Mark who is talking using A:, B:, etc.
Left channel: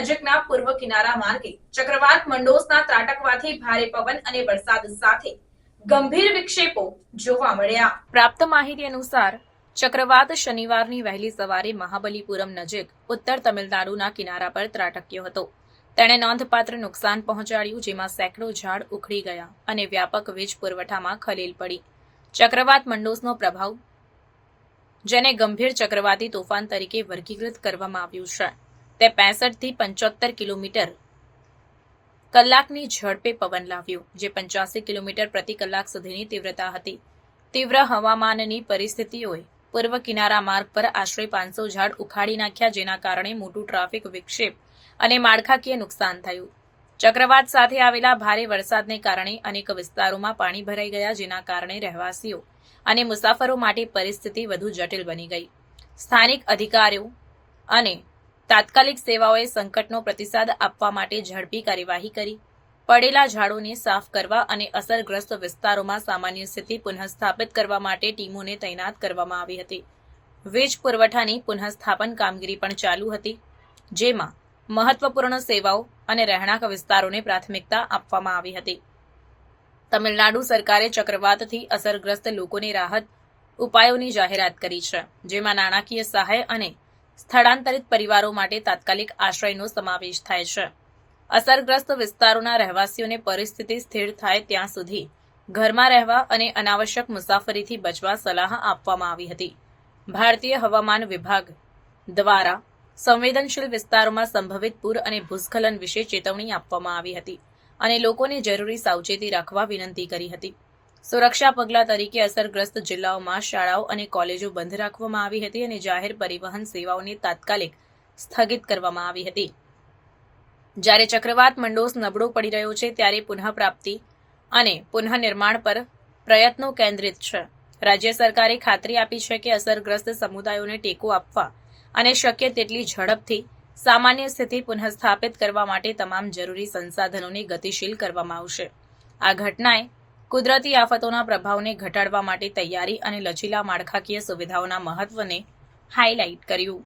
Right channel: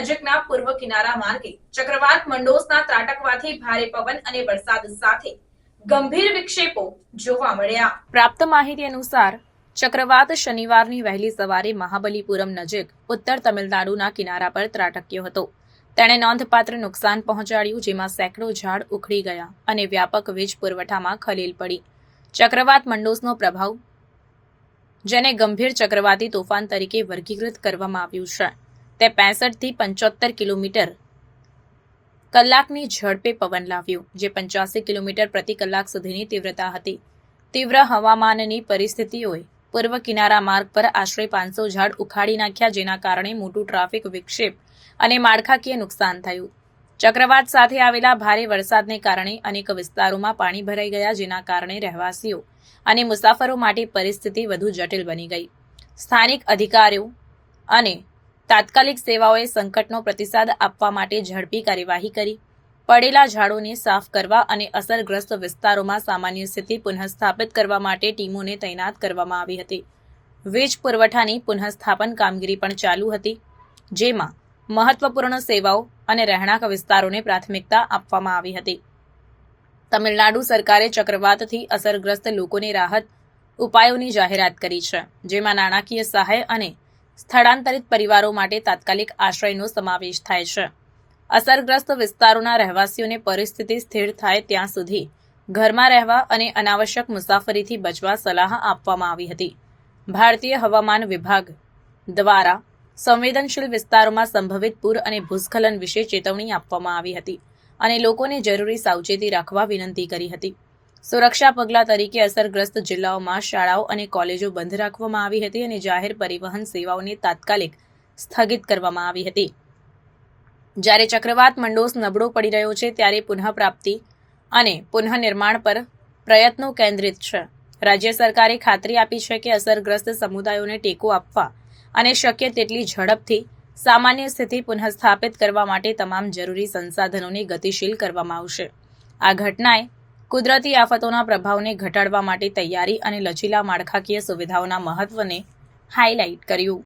A: નજીકના પૂર્વ કિનારા માર્ગે ચક્રવાત મંડોસના ત્રાટકવાથી ભારે પવન અને વરસાદ સાથે ગંભીર વિક્ષેપો જોવા મળ્યા. પ્રાપ્ત માહિતી અનુસાર, ચક્રવાત શનિવારની વહેલી સવારે મહાબલીપુરમ નજીક ઉત્તર તમિલનાડુના કિનારા પર ત્રાટક્યો હતો. તેણે નોંધપાત્ર નુકસાન પહોંચાડ્યું જેમાં સેંકડો ઝાડ ઉખડી ગયા અને વ્યાપક વીજ પુરવઠામાં ખલેલ પડી. ચક્રવાત મંડોસનો પ્રભાવ, જેને ગંભીર ચક્રવાતી તોફાન તરીકે વર્ગીકૃત કરવામાં આવ્યું છે. તે 65 થી પંચોતેર કિલોમીટર કલાકની ઝડપે પવન લાવ્યો, જે પંચ્યાસી કિલોમીટર પ્રતિ કલાક સુધીની તીવ્રતા હતી. તીવ્ર હવામાનની પરિસ્થિતિઓએ પૂર્વ કિનારા માર્ગ પર આશરે પાંચસો ઝાડ ઉખાડી નાખ્યા, જેના કારણે મોટું ટ્રાફિક વિક્ષેપ અને માળખાકીય નુકસાન થયું. ચક્રવાત સાથે આવેલા ભારે વરસાદને કારણે અનેક વિસ્તારોમાં પાણી ભરાઈ ગયા, જેના કારણે રહેવાસીઓ અને મુસાફરો માટે પરિસ્થિતિ વધુ જટિલ બની ગઈ. સ્થાનિક અધિકારીઓ અને તાત્કાલિક સેવાઓએ સંકટનો પ્રતિસાદ આપવા માટે ઝડપી કાર્યવાહી કરી. પડેલા ઝાડોને સાફ કરવા અને અસરગ્રસ્ત વિસ્તારોમાં સામાન્ય સ્થિતિ પુનઃસ્થાપિત કરવા માટે ટીમોને તૈનાત કરવામાં આવી હતી. વીજ પુરવઠાની પુનઃસ્થાપન કામગીરી પણ ચાલુ હતી, જેમાં મહત્વપૂર્ણ સેવાઓ અને રહેણાંક વિસ્તારોને પ્રાથમિકતા આપવામાં આવી હતી. તમિલનાડુ સરકારે ચક્રવાતથી અસરગ્રસ્ત લોકોને રાહત ઉપાયોની જાહેરાત કરી છે, જેમાં નાણાકીય સહાય અને સ્થળાંતરિત પરિવારો માટે તાત્કાલિક આશ્રયનો સમાવેશ થાય છે. અસરગ્રસ્ત વિસ્તારોના રહેવાસીઓને પરિસ્થિતિ સ્થિર થાય ત્યાં સુધી ઘરમાં રહેવા અને અનાવશ્યક મુસાફરીથી બચવા સલાહ આપવામાં આવી હતી. ભારતીય હવામાન વિભાગ દ્વારા સંવેદનશીલ વિસ્તારોમાં સંભવિત પૂર અને ભૂસ્ખલન વિશે ચેતવણી આપવામાં આવી હતી અને લોકોને જરૂરી સાવચેતી રાખવા વિનંતી કરી હતી. સુરક્ષા પગલાં તરીકે અસરગ્રસ્ત જિલ્લાઓમાં શાળાઓ અને કોલેજો બંધ રાખવામાં આવી હતી અને જાહેર પરિવહન સેવાઓને તાત્કાલિક સ્થગિત કરવામાં આવી હતી. જ્યારે ચક્રવાત મંડોસ નબળો પડી રહ્યો છે, ત્યારે પુનઃપ્રાપ્તિ અને પુનઃનિર્માણ પર પ્રયત્નો કેન્દ્રિત છે. રાજ્ય સરકારે ખાતરી આપી છે કે અસરગ્રસ્ત સમુદાયોને ટેકો આપવા અને શક્ય તેટલી ઝડપથી સામાન્ય સ્થિતિ પુનઃસ્થાપિત કરવા માટે તમામ જરૂરી સંસાધનોને ગતિશીલ કરવામાં આવશે. આ ઘટનાએ કુદરતી આફતોના પ્રભાવને ઘટાડવા માટે તૈયારી અને લચીલા માળખાકીય સુવિધાઓના મહત્વને હાઇલાઇટ કર્યું.